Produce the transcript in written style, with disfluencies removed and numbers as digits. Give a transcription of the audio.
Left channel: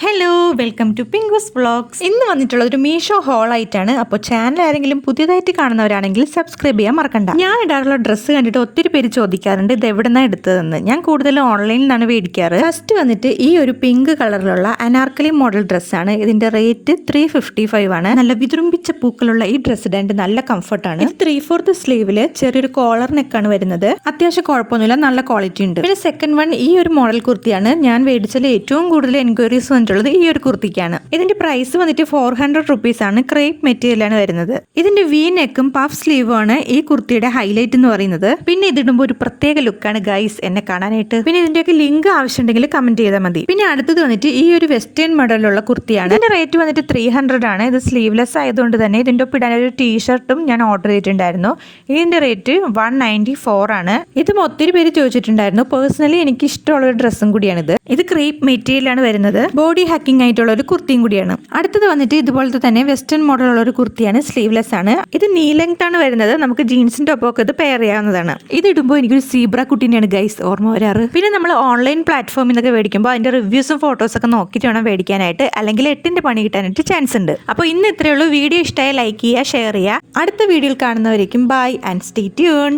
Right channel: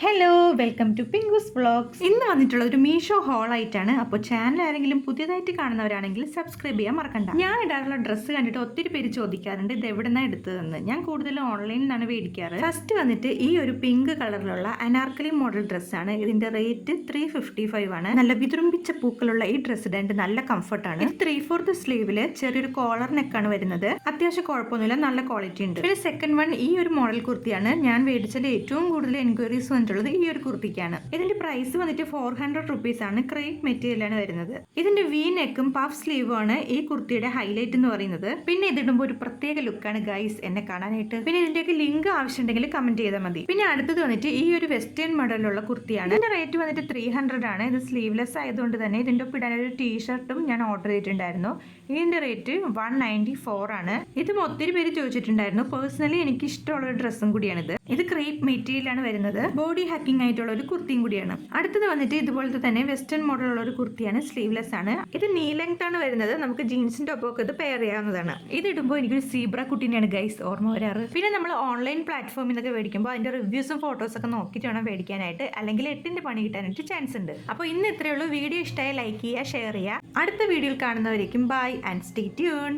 Hello, welcome to Pinku's vlogs. ഇന്ന് വന്നിട്ടുള്ള ഒരു മീഷോ ഹോൾ ആയിട്ടാണ്. അപ്പോൾ ചാനൽ ആരെങ്കിലും പുതിയതായിട്ട് കാണുന്നവരാണെങ്കിൽ സബ്സ്ക്രൈബ് ചെയ്യാൻ മറക്കണ്ട. ഞാൻ ഇടാറുള്ള ഡ്രസ്സ് കണ്ടിട്ട് ഒത്തിരി പേര് ചോദിക്കാറുണ്ട് ഇത് എവിടെന്നാണ് എടുത്തതെന്ന്. ഞാൻ കൂടുതലും ഓൺലൈനിൽ നിന്നാണ് മേടിക്കാറ്. ഫസ്റ്റ് വന്നിട്ട് ഈ ഒരു പിങ്ക് കളറിലുള്ള അനാർക്കലി മോഡൽ ഡ്രസ്സാണ്. ഇതിന്റെ റേറ്റ് 355 ആണ്. നല്ല വിതുറുമ്പിച്ച പൂക്കളുള്ള ഈ ഡ്രസ്സ് ഇടാൻ നല്ല കംഫർട്ടാണ്. ഇത് 3/4 സ്ലീവില് ചെറിയൊരു കോളർ നെക്കാണ് വരുന്നത്. അത്യാവശ്യം കുഴപ്പമൊന്നുമില്ല, നല്ല ക്വാളിറ്റി ഉണ്ട്. പിന്നെ സെക്കൻഡ് വൺ ഈ ഒരു മോഡൽ കുർത്തിയാണ്. ഞാൻ മേടിച്ചതിൽ ഏറ്റവും കൂടുതൽ എൻക്വയറീസ് ഈ ഒരു കുർത്തിക്കാണ്. ഇതിന്റെ പ്രൈസ് വന്നിട്ട് 400 റുപ്പീസ് ആണ്. ക്രേപ്പ് മെറ്റീരിയൽ ആണ് വരുന്നത്. ഇതിന്റെ വി നെക്കും പഫ് സ്ലീവും ആണ് ഈ കുർത്തിയുടെ ഹൈലൈറ്റ് എന്ന് പറയുന്നത്. പിന്നെ ഇതിടുമ്പോൾ ഒരു പ്രത്യേക ലുക്കാണ് ഗൈസ് എന്നെ കാണാനായിട്ട്. പിന്നെ ഇതിന്റെയൊക്കെ ലിങ്ക് ആവശ്യമുണ്ടെങ്കിൽ കമന്റ് ചെയ്താൽ മതി. പിന്നെ അടുത്തത് വന്നിട്ട് ഈ ഒരു വെസ്റ്റേൺ മോഡലുള്ള കുർത്തിയാണ്. ഇതിന്റെ റേറ്റ് വന്നിട്ട് 300 ആണ്. ഇത് സ്ലീവ്ലെസ് ആയതുകൊണ്ട് തന്നെ ഇതിന്റെ ഒപ്പം ഇടാൻ ഒരു ടീഷർട്ടും ഞാൻ ഓർഡർ ചെയ്തിട്ടുണ്ടായിരുന്നു. ഇതിന്റെ റേറ്റ് 194 ആണ്. ഇതും ഒത്തിരി പേര് ചോദിച്ചിട്ടുണ്ടായിരുന്നു. പേഴ്സണലി എനിക്ക് ഇഷ്ടമുള്ള ഒരു ഡ്രസ്സും കൂടിയാണിത്. ഇത് ക്രേപ്പ് മെറ്റീരിയൽ ആണ് വരുന്നത്. ബോഡി ഹാക്കിംഗ് ആയിട്ടുള്ള ഒരു കുർത്തിയും കൂടിയാണ്. അടുത്തത് വന്നിട്ട് ഇതുപോലത്തെ തന്നെ വെസ്റ്റേൺ മോഡൽ ഉള്ള ഒരു കുർത്തിയാണ്. സ്ലീവ്ലെസ് ആണ്. ഇത് നീ ലെങ്ത് ആണ് വരുന്നത്. നമുക്ക് ജീൻസിന്റെ ഒപ്പം ഇത് പെയർ ചെയ്യാവുന്നതാണ്. ഇത് ഇടുമ്പോൾ എനിക്കൊരു സീബ്ര കുട്ടീനെയാണ് ഗൈസ് ഓർമ്മ വരാറ്. പിന്നെ നമ്മൾ ഓൺലൈൻ പ്ലാറ്റ്ഫോമിൽ നിന്നൊക്കെ മേടിക്കുമ്പോൾ അതിന്റെ റിവ്യൂസും ഫോട്ടോസ് ഒക്കെ നോക്കിയിട്ട് വേണം മേടിക്കാനായിട്ട്, അല്ലെങ്കിൽ 8ന്റെ പണി കിട്ടാനായിട്ട് ചാൻസ് ഉണ്ട്. അപ്പോൾ ഇന്ന് ഇത്രയേ ഉള്ളൂ. വീഡിയോ ഇഷ്ടമായ ലൈക്ക് ചെയ്യുക, ഷെയർ ചെയ്യുക. അടുത്ത വീഡിയോയിൽ കാണുന്നവരേക്കും ബൈ ആൻഡ് സ്റ്റേ ട്യൂൺ.